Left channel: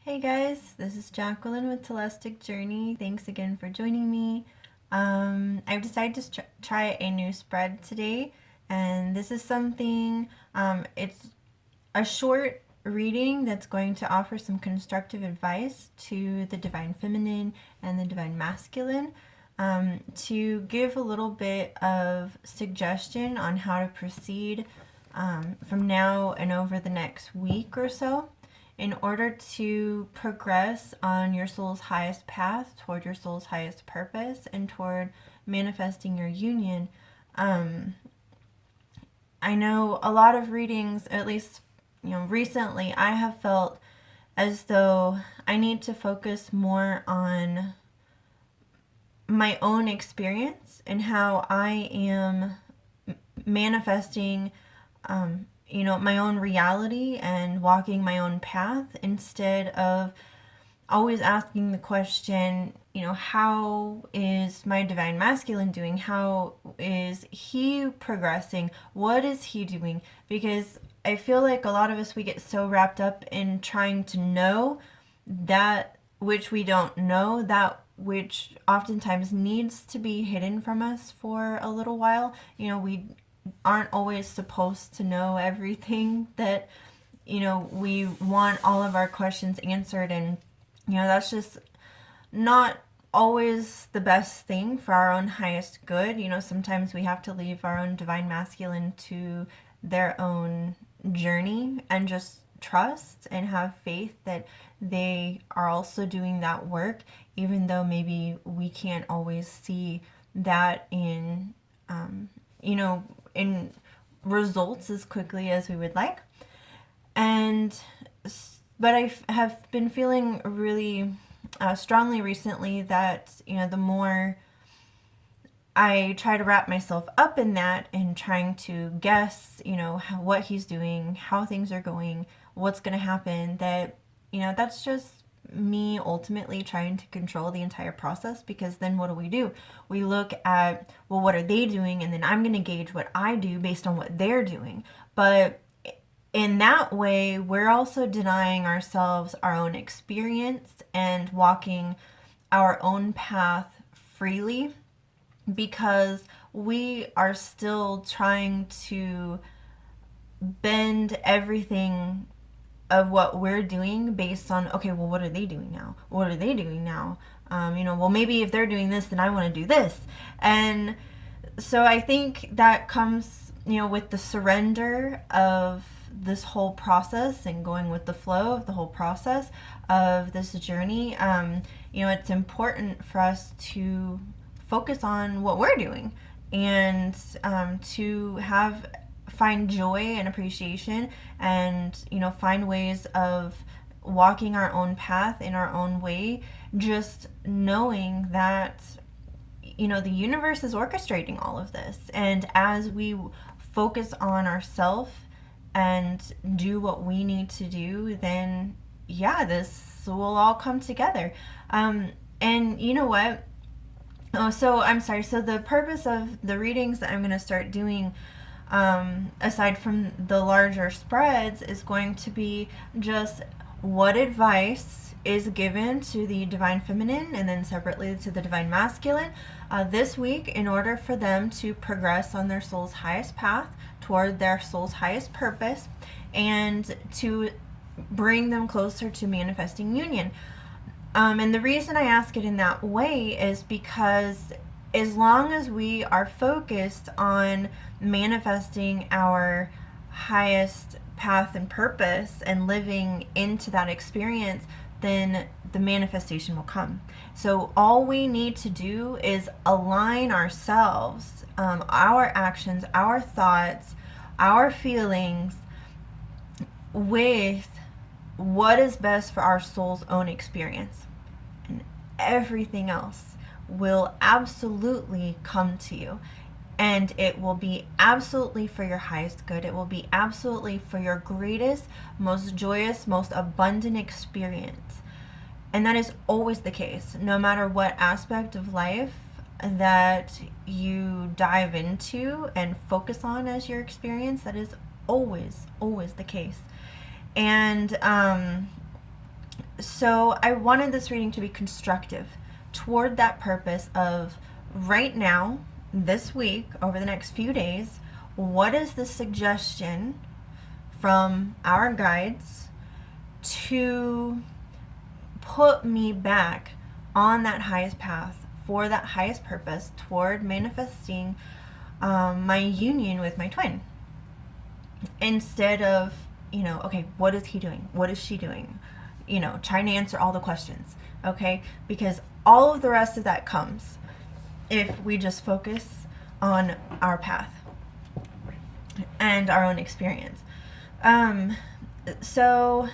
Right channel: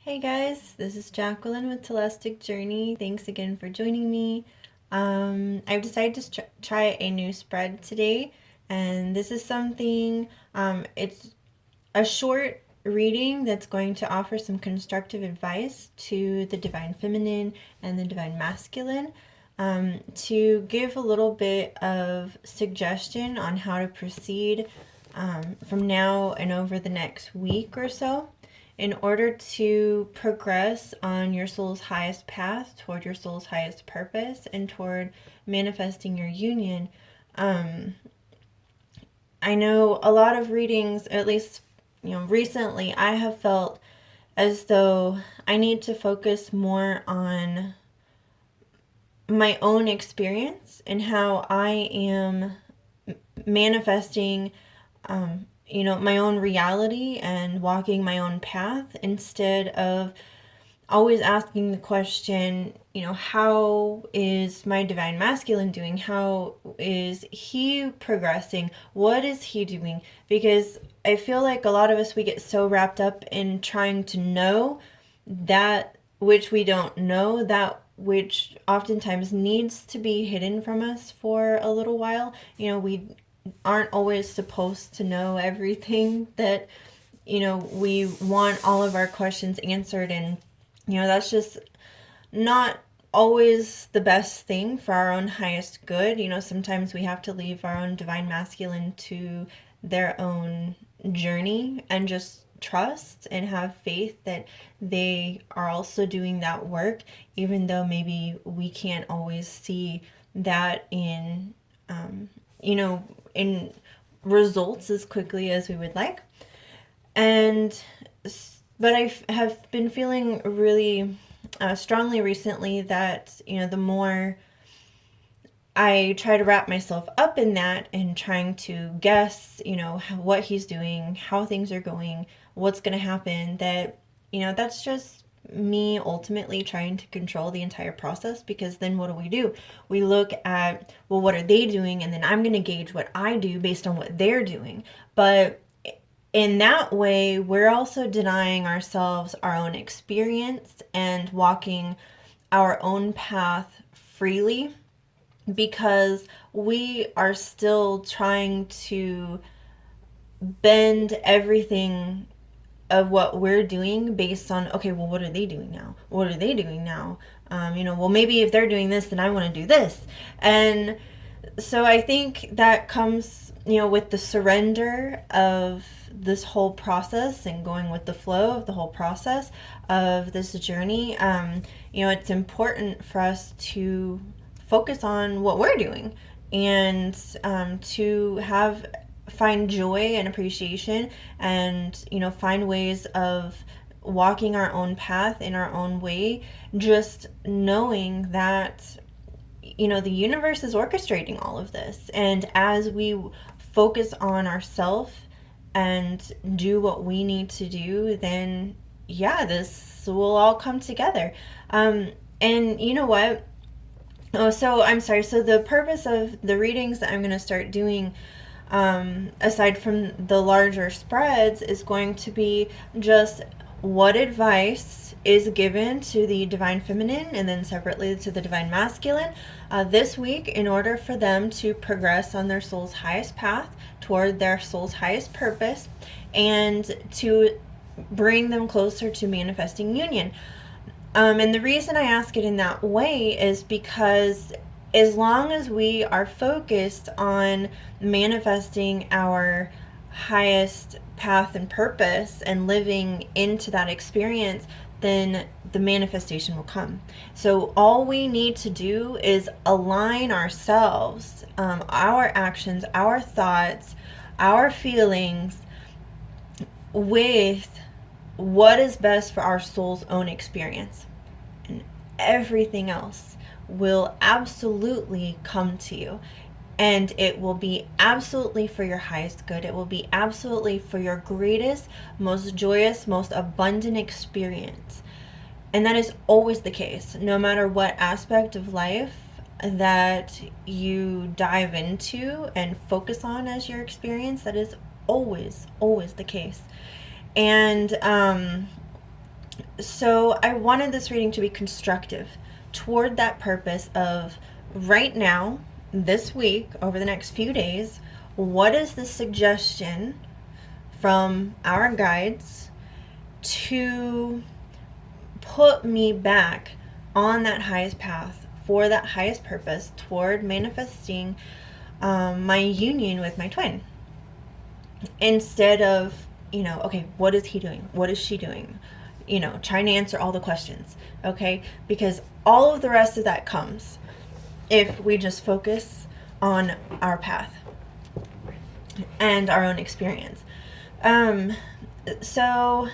Hey guys, this is Jacqueline with Telestiq Journey. Thanks again for joining me. I've decided to try a new spread today, and this is something, it's a short reading that's going to offer some constructive advice to the Divine Feminine and the Divine Masculine, to give a little bit of suggestion on how to proceed from now and over the next week or so in order to progress on your soul's highest path toward your soul's highest purpose and toward manifesting your union. I know a lot of readings, at least recently, I have felt as though I need to focus more on my own experience and how I am manifesting my own reality and walking my own path instead of always asking the question, how is my divine masculine doing? How is he progressing? What is he doing? Because I feel like a lot of us, we get so wrapped up in trying to know that which we don't know, that which oftentimes needs to be hidden from us for a little while. We aren't always supposed to know everything that we want all of our questions answered, and that's just not always the best thing for our own highest good. Sometimes we have to leave our own divine masculine to their own journey and just trust and have faith that they are also doing that work, even though maybe we can't always see that in results as quickly as we would like. But I have been feeling really strongly recently that the more I try to wrap myself up in that and trying to guess what he's doing, how things are going, what's going to happen, that that's just me ultimately trying to control the entire process. Because then what do? We look at, well, what are they doing? And then I'm going to gauge what I do based on what they're doing. But in that way, we're also denying ourselves our own experience and walking our own path freely, because we are still trying to bend everything of what we're doing based on, okay, well, what are they doing now? What are they doing now? Well, maybe if they're doing this, then I want to do this. And so I think that comes, with the surrender of this whole process and going with the flow of the whole process of this journey. It's important for us to focus on what we're doing and to find joy and appreciation, and find ways of walking our own path in our own way, just knowing that the universe is orchestrating all of this. And as we focus on ourselves and do what we need to do, then this will all come together. And you know what? Oh, so I'm sorry. So the purpose of the readings that I'm going to start doing, aside from the larger spreads, is going to be just what advice is given to the divine feminine and then separately to the divine masculine this week, in order for them to progress on their soul's highest path toward their soul's highest purpose, and to bring them closer to manifesting union. And the reason I ask it in that way is because as long as we are focused on manifesting our highest path and purpose and living into that experience, then the manifestation will come. So all we need to do is align ourselves, our actions, our thoughts, our feelings with what is best for our soul's own experience. And everything else will absolutely come to you. And it will be absolutely for your highest good. It will be absolutely for your greatest, most joyous, most abundant experience. And that is always the case, no matter what aspect of life that you dive into and focus on as your experience. That is always, always the case. And so I wanted this reading to be constructive toward that purpose of right now, this week, over the next few days, what is the suggestion from our guides to put me back on that highest path for that highest purpose toward manifesting my union with my twin, instead of, okay, what is he doing? What is she doing? Trying to answer all the questions, okay? Because all of the rest of that comes if we just focus on our path and our own experience. So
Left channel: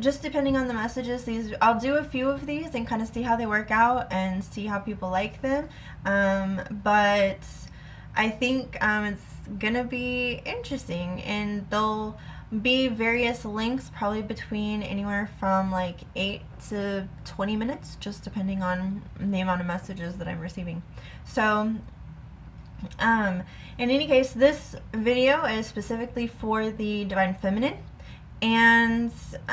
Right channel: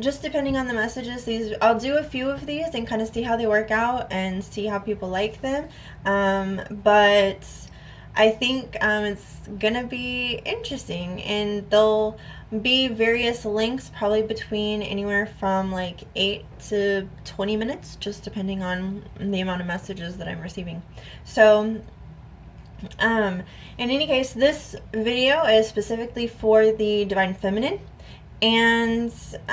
just depending on the messages, I'll do a few of these and kind of see how they work out and see how people like them. But I think it's gonna be interesting, and there'll be various links, probably between anywhere from like 8 to 20 minutes, just depending on the amount of messages that I'm receiving. So in any case, this video is specifically for the Divine Feminine, and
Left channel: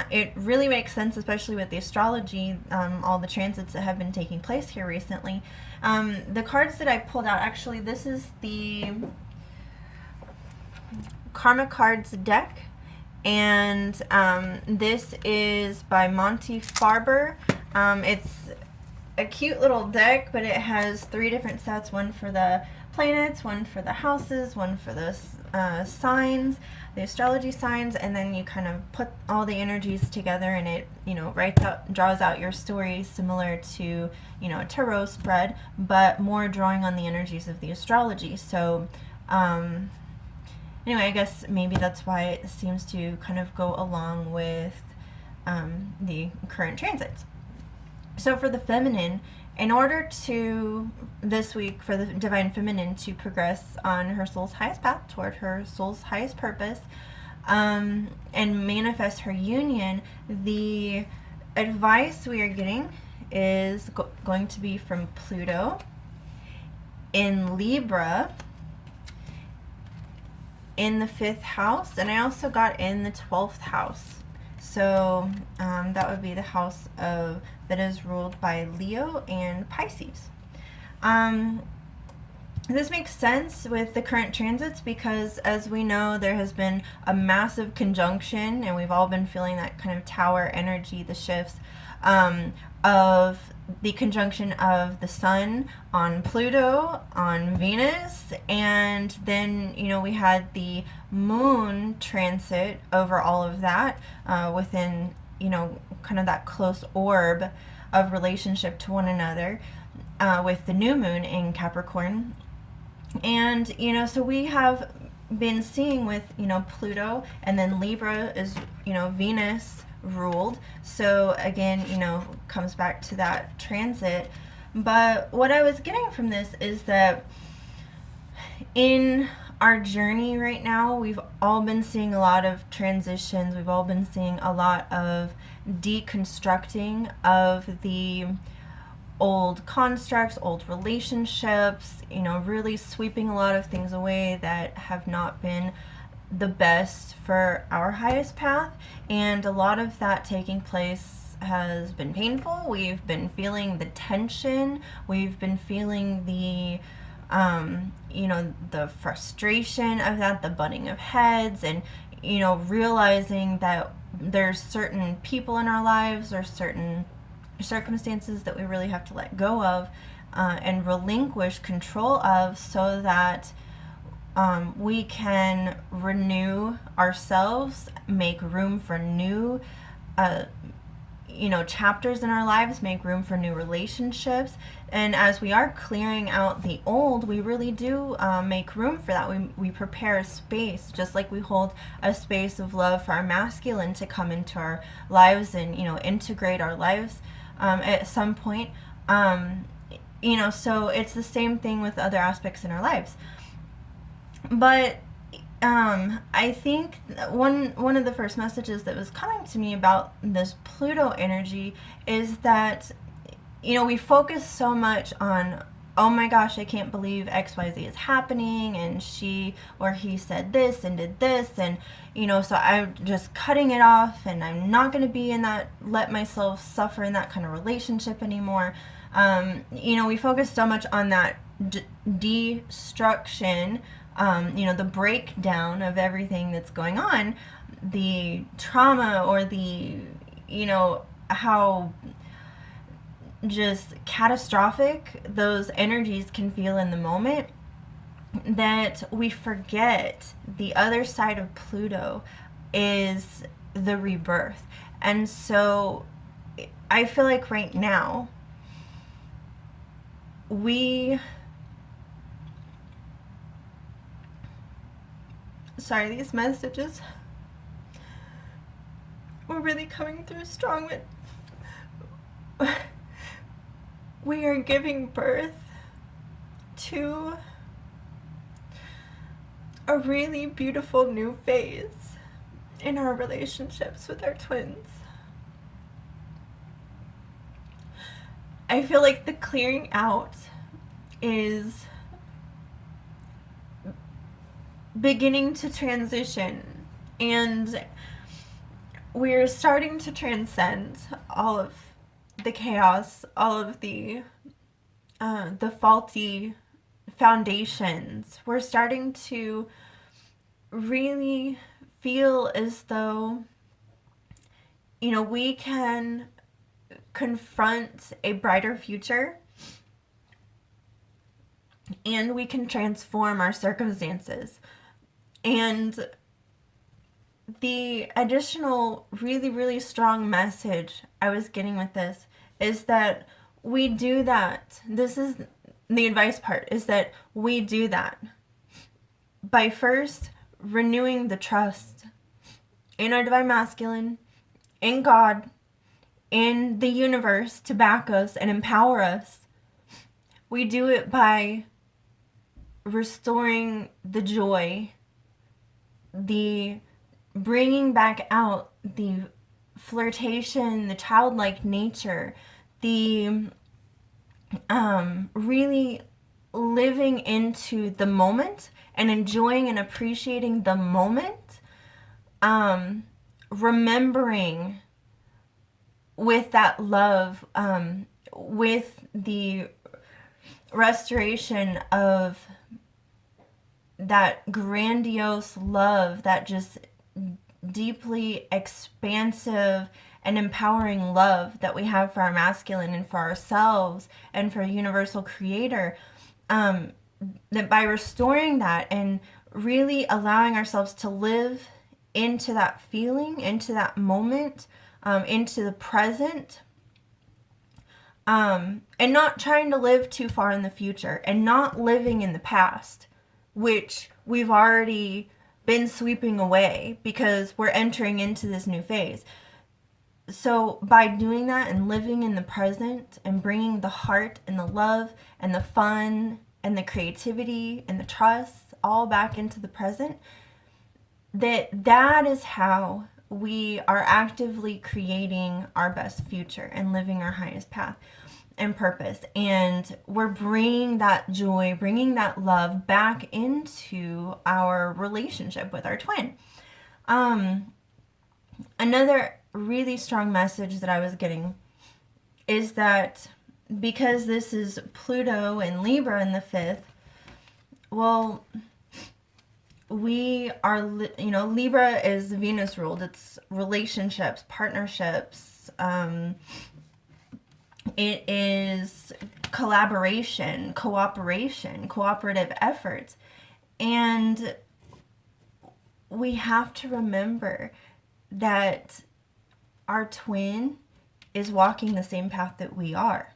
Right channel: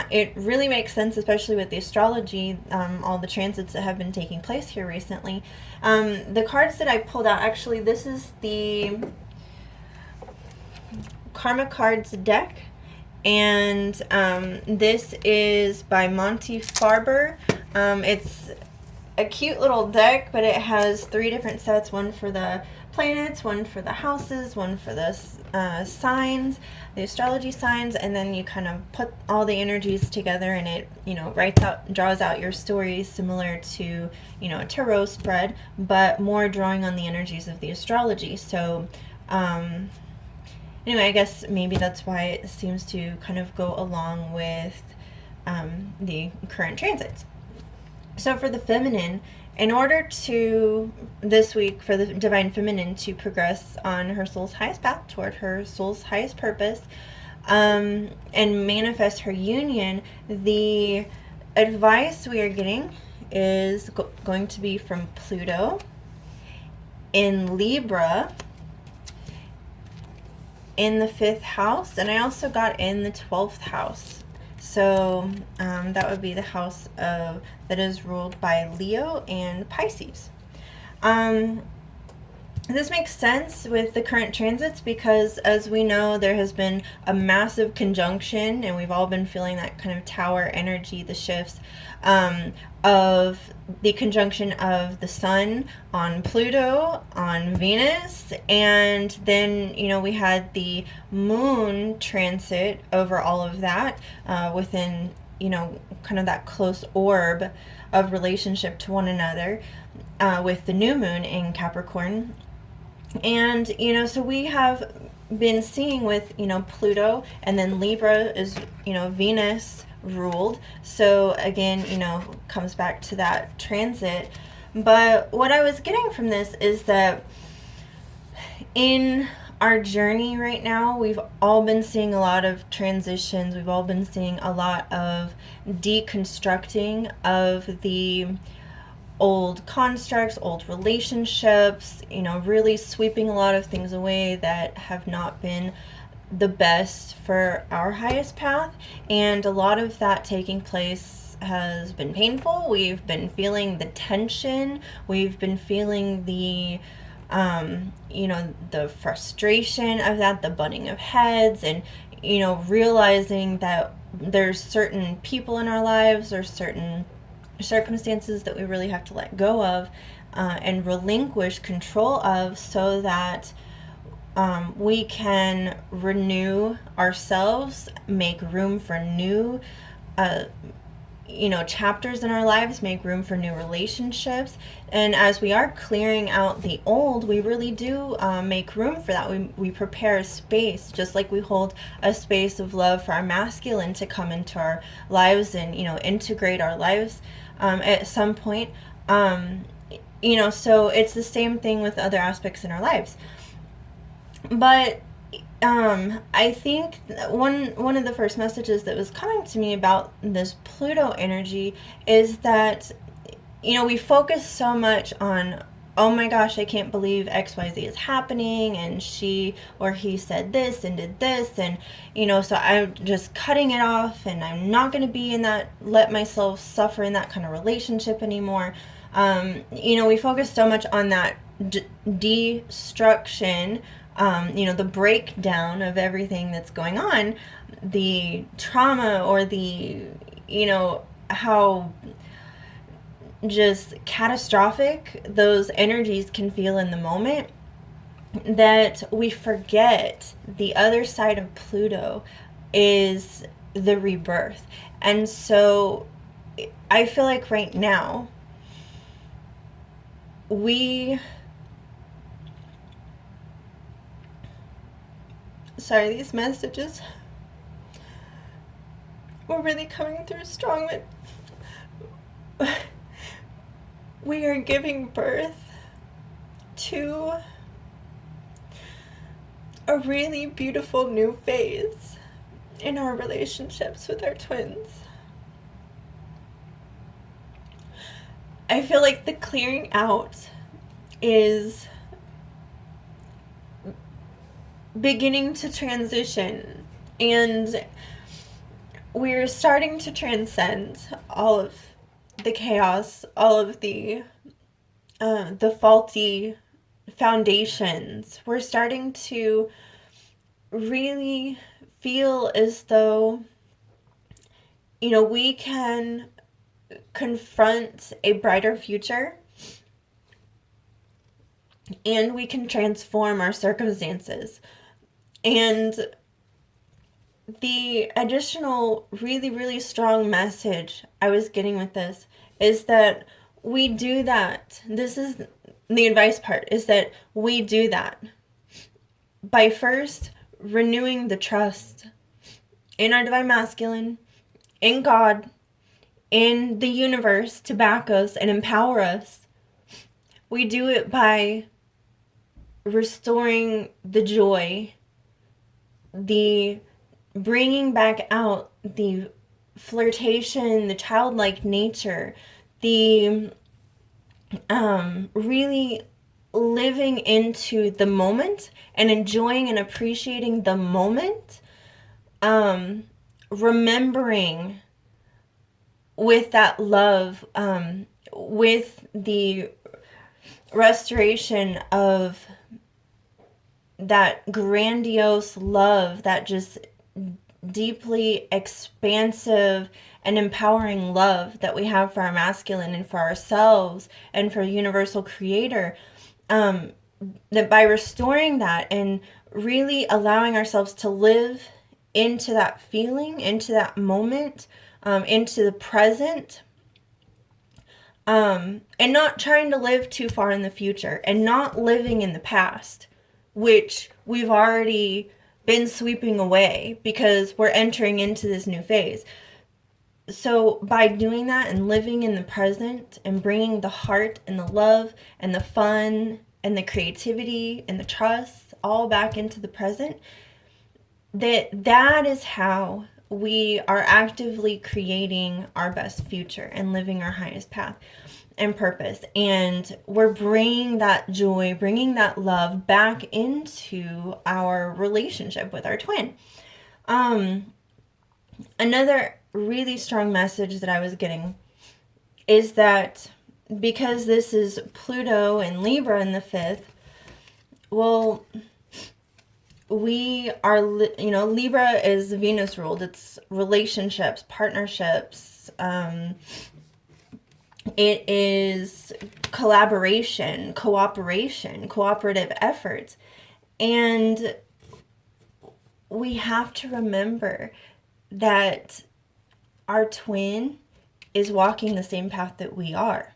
it really makes sense, especially with the astrology, all the transits that have been taking place here recently. The cards that I pulled out, actually, this is the Karma Cards deck, and this is by Monty Farber. It's a cute little deck, but it has 3 different sets, one for the planets, one for the houses, one for the signs, the astrology signs, and then you kind of put all the energies together, and it, draws out your story, similar to, a tarot spread, but more drawing on the energies of the astrology. So anyway, I guess maybe that's why it seems to kind of go along with the current transits. So for the feminine, in order to, this week, for the Divine Feminine to progress on her soul's highest path toward her soul's highest purpose, and manifest her union, the advice we are getting is going to be from Pluto in Libra in the 5th house, and I also got in the 12th house. So that would be the house that is ruled by Leo and Pisces. This makes sense with the current transits because, as we know, there has been a massive conjunction, and we've all been feeling that kind of tower energy, the shifts of the conjunction of the Sun on Pluto, on Venus, and then, we had the Moon transit over all of that within, kind of that close orb of relationship to one another with the new moon in Capricorn. And, so we have been seeing with, Pluto, and then Libra is, Venus ruled. So again, comes back to that transit. But what I was getting from this is that in our journey right now, we've all been seeing a lot of transitions. We've all been seeing a lot of deconstructing of the old constructs, old relationships, really sweeping a lot of things away that have not been the best for our highest path. And a lot of that taking place has been painful. We've been feeling the tension. We've been feeling the the frustration of that, the butting of heads, and realizing that there's certain people in our lives or certain circumstances that we really have to let go of and relinquish control of, so that we can renew ourselves, make room for new chapters in our lives, make room for new relationships. And as we are clearing out the old, we really do make room for that. We prepare a space, just like we hold a space of love for our masculine to come into our lives and integrate our lives at some point. So it's the same thing with other aspects in our lives. But I think one of the first messages that was coming to me about this Pluto energy is that we focus so much on oh my gosh, I can't believe XYZ is happening, and she or he said this and did this, and so I'm just cutting it off, and I'm not going to be in that, let myself suffer in that kind of relationship anymore. We focus so much on that destruction, the breakdown of everything that's going on, the trauma, or the, how just catastrophic those energies can feel in the moment, that we forget the other side of Pluto is the rebirth. And so I feel like right now these messages were really coming through strong. We are giving birth to a really beautiful new phase in our relationships with our twins. I feel like the clearing out is beginning to transition, and we're starting to transcend all of the chaos, all of the faulty foundations. We're starting to really feel as though, we can confront a brighter future, and we can transform our circumstances. And the additional really, really strong message I was getting with this is that we do that. This is the advice part, is that we do that by first renewing the trust in our divine masculine, in God, in the universe to back us and empower us. We do it by restoring the joy, the bringing back out the flirtation, the childlike nature, the really living into the moment and enjoying and appreciating the moment, remembering with that love, with the restoration of that grandiose love, that just deeply expansive and empowering love that we have for our masculine and for ourselves and for universal creator, that by restoring that and really allowing ourselves to live into that feeling, into that moment, into the present, and not trying to live too far in the future, and not living in the past, which we've already been sweeping away because we're entering into this new phase. So by doing that and living in the present and bringing the heart and the love and the fun and the creativity and the trust all back into the present, that is how we are actively creating our best future and living our highest path and purpose. And we're bringing that joy, bringing that love back into our relationship with our twin. Another really strong message that I was getting is that because this is Pluto and Libra in the 5th, well, we are, Libra is Venus ruled. It's relationships, partnerships. It is collaboration, cooperation, cooperative efforts. And we have to remember that our twin is walking the same path that we are.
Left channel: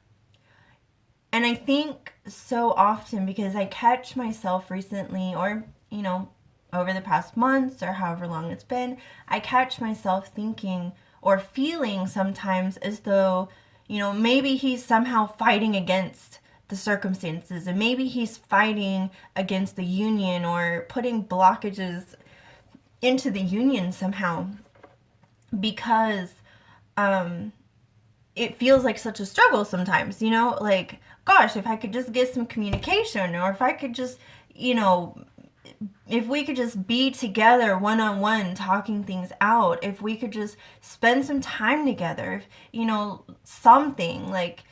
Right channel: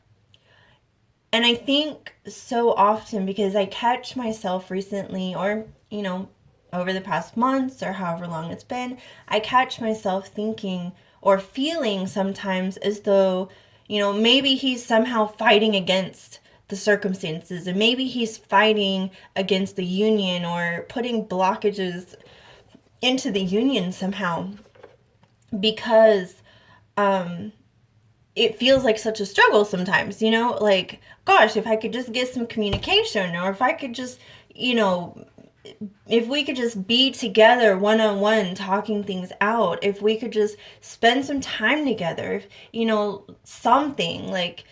And I think so often, because I catch myself recently, or, over the past months or however long it's been, I catch myself thinking or feeling sometimes as though, maybe he's somehow fighting against the circumstances, and maybe he's fighting against the union or putting blockages into the union somehow, because it feels like such a struggle sometimes, you know, like, gosh, if I could just get some communication, or if I could just, you know, if we could just be together one on one talking things out, if we could just spend some time together, if, you know, something like,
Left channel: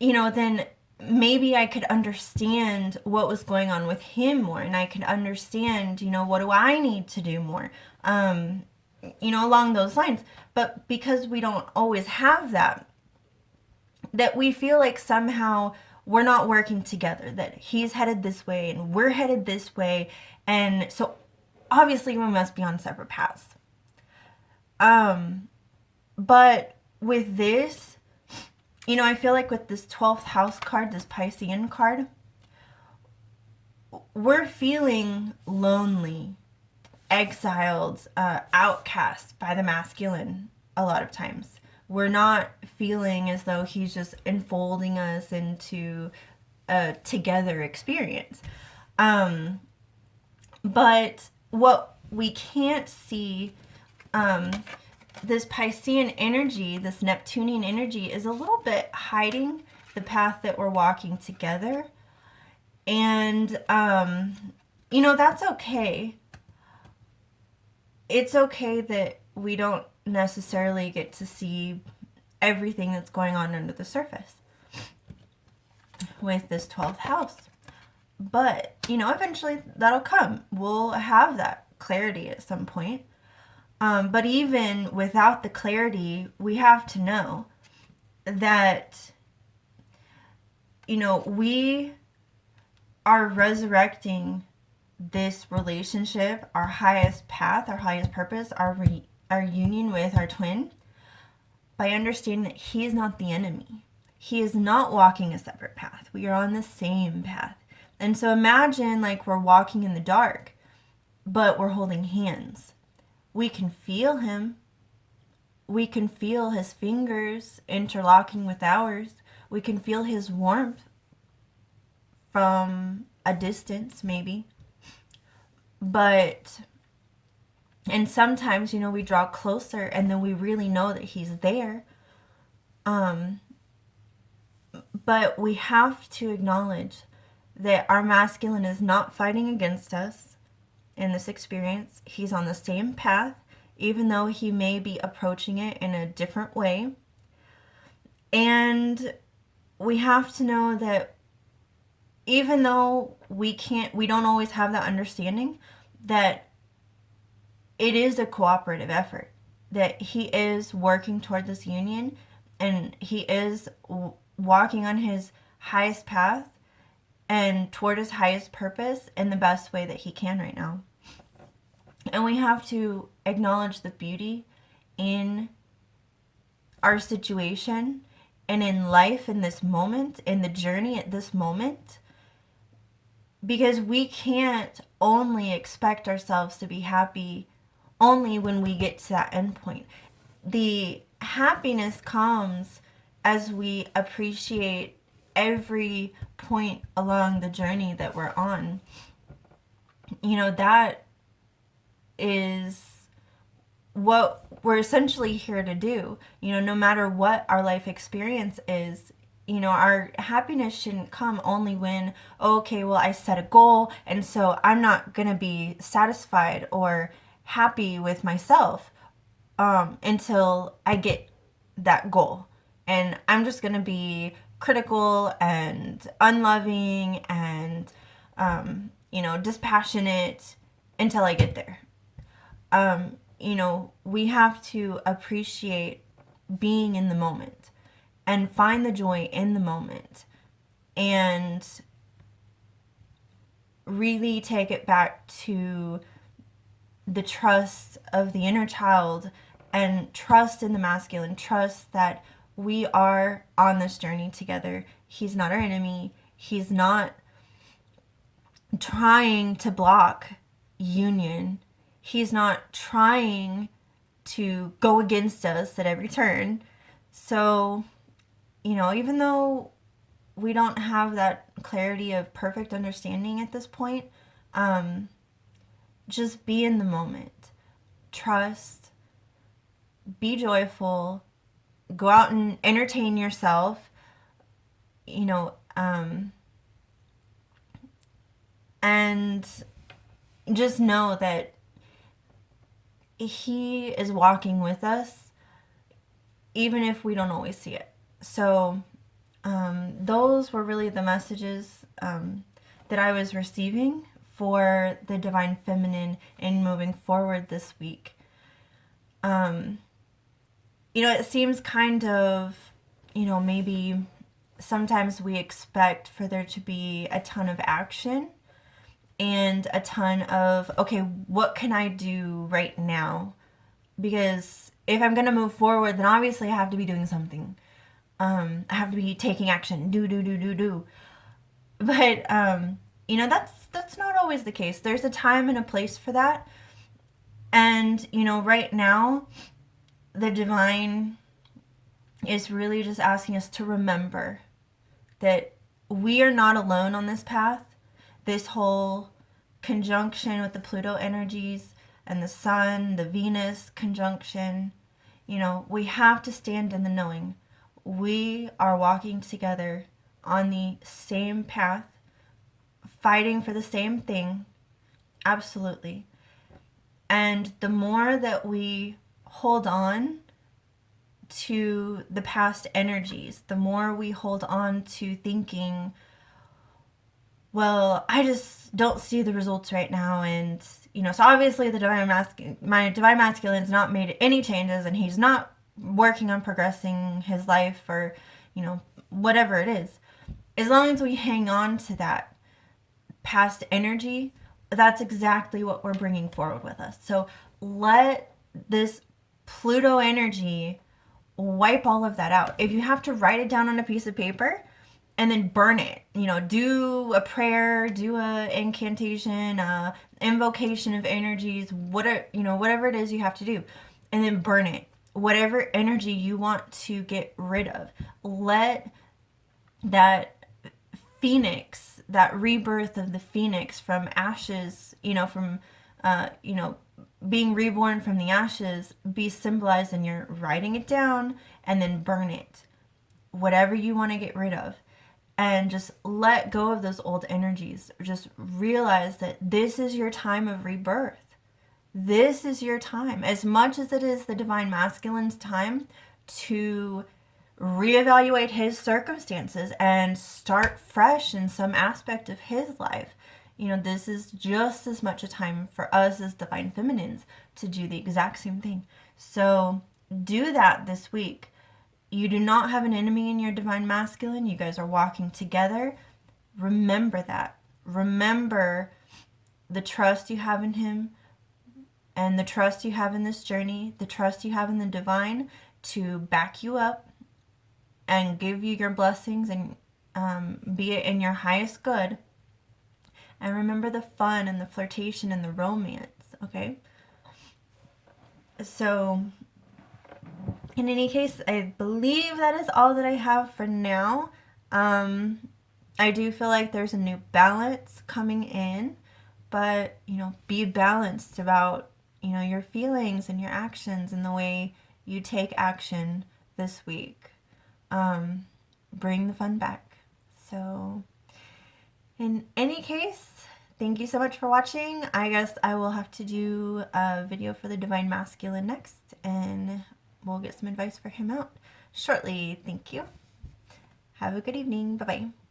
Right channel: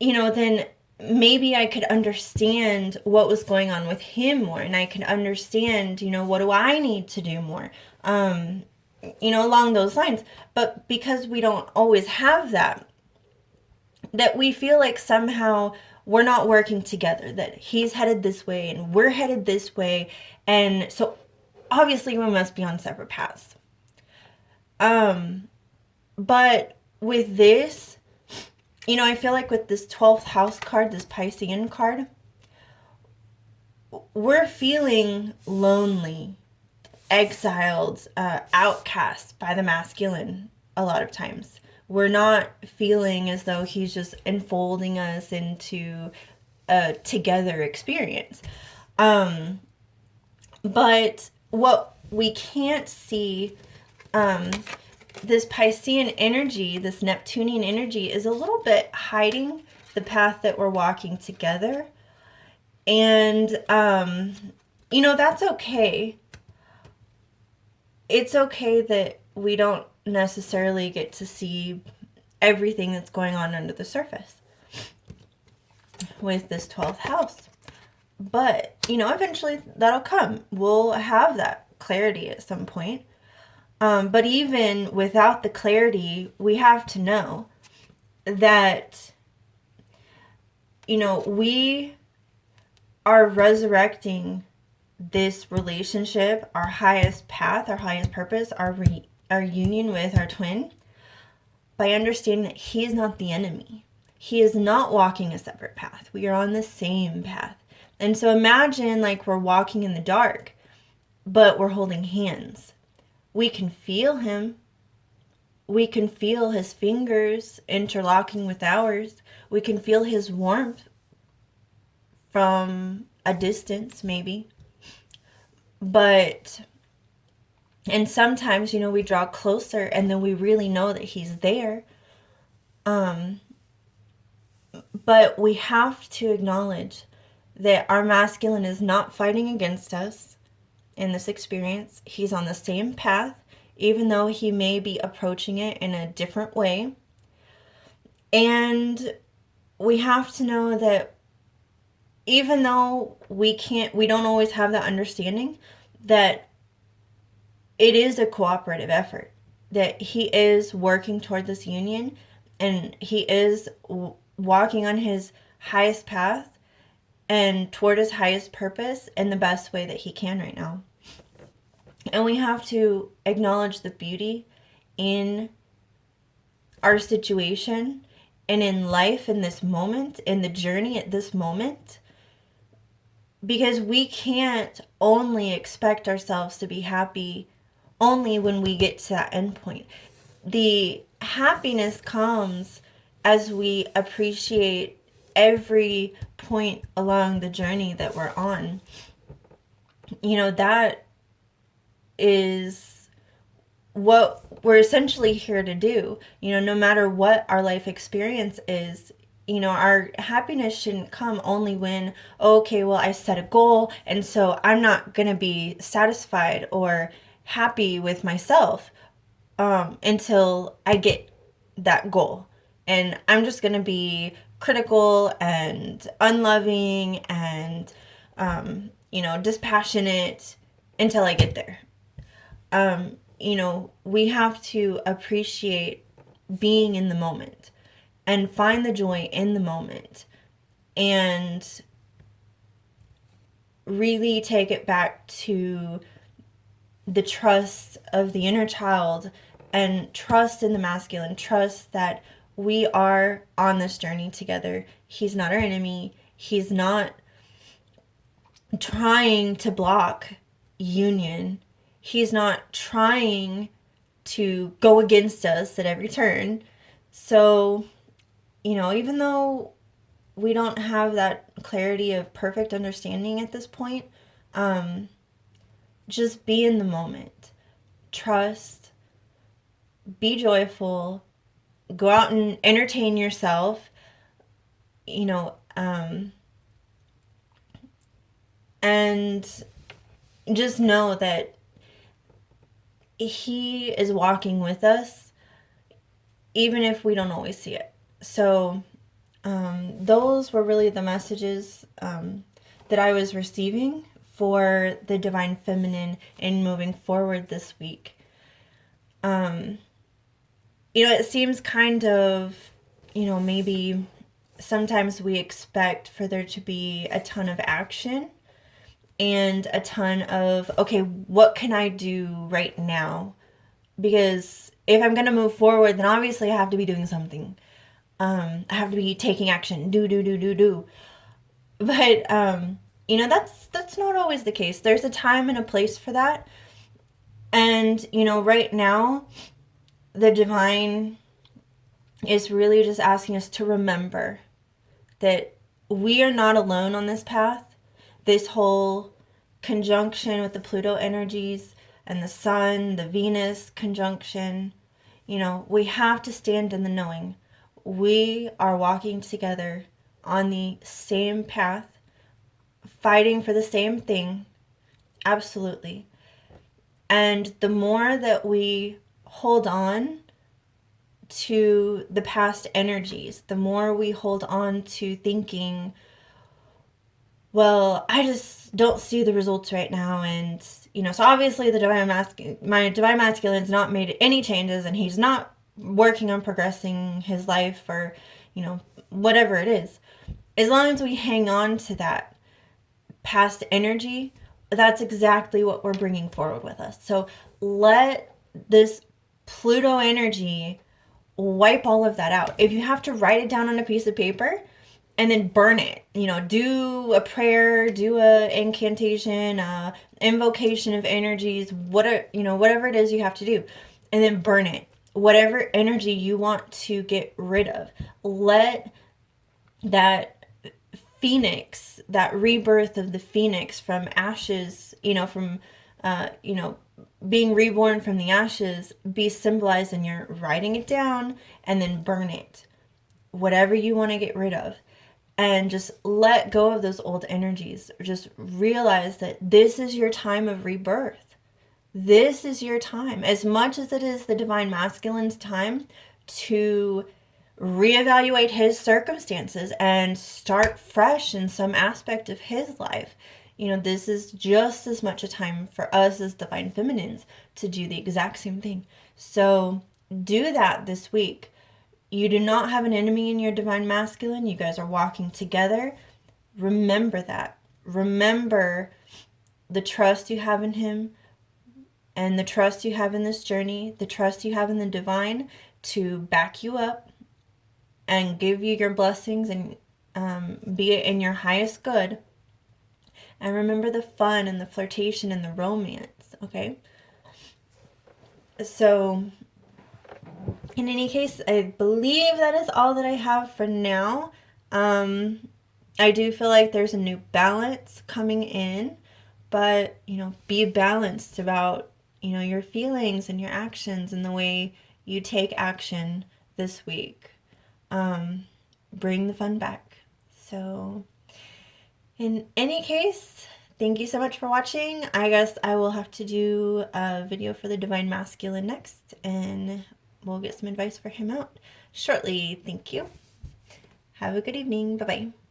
you know, then maybe I could understand what was going on with him more, and I could understand, you know, what do I need to do more, you know, along those lines. But because we don't always have that, that we feel like somehow we're not working together, that he's headed this way and we're headed this way, and so obviously we must be on separate paths. But with this, you know, I feel like with this 12th house card, this Piscean card, we're feeling lonely, exiled, outcast by the masculine a lot of times. We're not feeling as though he's just enfolding us into a together experience. But what we can't see, this Piscean energy, this Neptunian energy, is a little bit hiding the path that we're walking together. And, you know, that's okay. It's okay that we don't necessarily get to see everything that's going on under the surface with this 12th house. But, you know, eventually that'll come. We'll have that clarity at some point. But even without the clarity, we have to know that, you know, we are resurrecting this relationship, our highest path, our highest purpose, our union with our twin, by understanding that he is not the enemy. He is not walking a separate path. We are on the same path. And so imagine like we're walking in the dark, but we're holding hands. We can feel him. We can feel his fingers interlocking with ours. We can feel his warmth from a distance, maybe. But, and sometimes, you know, we draw closer and then we really know that he's there. But we have to acknowledge that our masculine is not fighting against us in this experience. He's on the same path, even though he may be approaching it in a different way. And we have to know that even though we don't always have that understanding, that it is a cooperative effort, that he is working toward this union, and he is walking on his highest path and toward his highest purpose in the best way that he can right now. And we have to acknowledge the beauty in our situation and in life in this moment, in the journey at this moment, because we can't only expect ourselves to be happy only when we get to that end point. The happiness comes as we appreciate every point along the journey that we're on. You know, that is what we're essentially here to do. You know, no matter what our life experience is, you know, our happiness shouldn't come only when, okay, well, I set a goal, and so I'm not going to be satisfied or happy with myself until I get that goal. And I'm just going to be critical and unloving and, you know, dispassionate until I get there. You know, we have to appreciate being in the moment and find the joy in the moment and really take it back to the trust of the inner child and trust in the masculine, trust that we are on this journey together. He's not our enemy. He's not trying to block union. He's not trying to go against us at every turn. So, you know, even though we don't have that clarity of perfect understanding at this point, just be in the moment. Trust, be joyful, go out and entertain yourself, you know, and just know that he is walking with us, even if we don't always see it. So those were really the messages that I was receiving for the Divine Feminine in moving forward this week. It seems kind of, maybe sometimes we expect for there to be a ton of action and a ton of, okay, what can I do right now? Because if I'm going to move forward, then obviously I have to be doing something. I have to be taking action, do. But, that's not always the case. There's a time and a place for that. And, right now, the divine is really just asking us to remember that we are not alone on this path. This whole conjunction with the Pluto energies and the Sun, the Venus conjunction, we have to stand in the knowing. We are walking together on the same path, fighting for the same thing. Absolutely. And the more that we hold on to the past energies, the more we hold on to thinking, well, I just don't see the results right now. And, so obviously my divine masculine's not made any changes, and he's not working on progressing his life, or, whatever it is. As long as we hang on to that past energy, that's exactly what we're bringing forward with us. So let this Pluto energy wipe all of that out. If you have to write it down on a piece of paper and then burn it, do a prayer, do a incantation, invocation of energies, whatever it is you have to do, and then burn it. Whatever energy you want to get rid of, let that phoenix, that rebirth of the phoenix from ashes, from being reborn from the ashes, be symbolized in your writing it down and then burn it. Whatever you want to get rid of. And just let go of those old energies. Just realize that this is your time of rebirth. This is your time. As much as it is the Divine Masculine's time to reevaluate his circumstances and start fresh in some aspect of his life. This is just as much a time for us as Divine Feminines to do the exact same thing. So do that this week. You do not have an enemy in your Divine Masculine. You guys are walking together. Remember that. Remember the trust you have in him, and the trust you have in this journey, the trust you have in the divine to back you up and give you your blessings and be it in your highest good. And remember the fun and the flirtation and the romance, okay? So, in any case, I believe that is all that I have for now. I do feel like there's a new balance coming in, but, be balanced about, your feelings and your actions and the way you take action this week. Bring the fun back. So, in any case, thank you so much for watching. I guess I will have to do a video for the Divine Masculine next, and we'll get some advice for him out shortly. Thank you. Have a good evening. Bye-bye.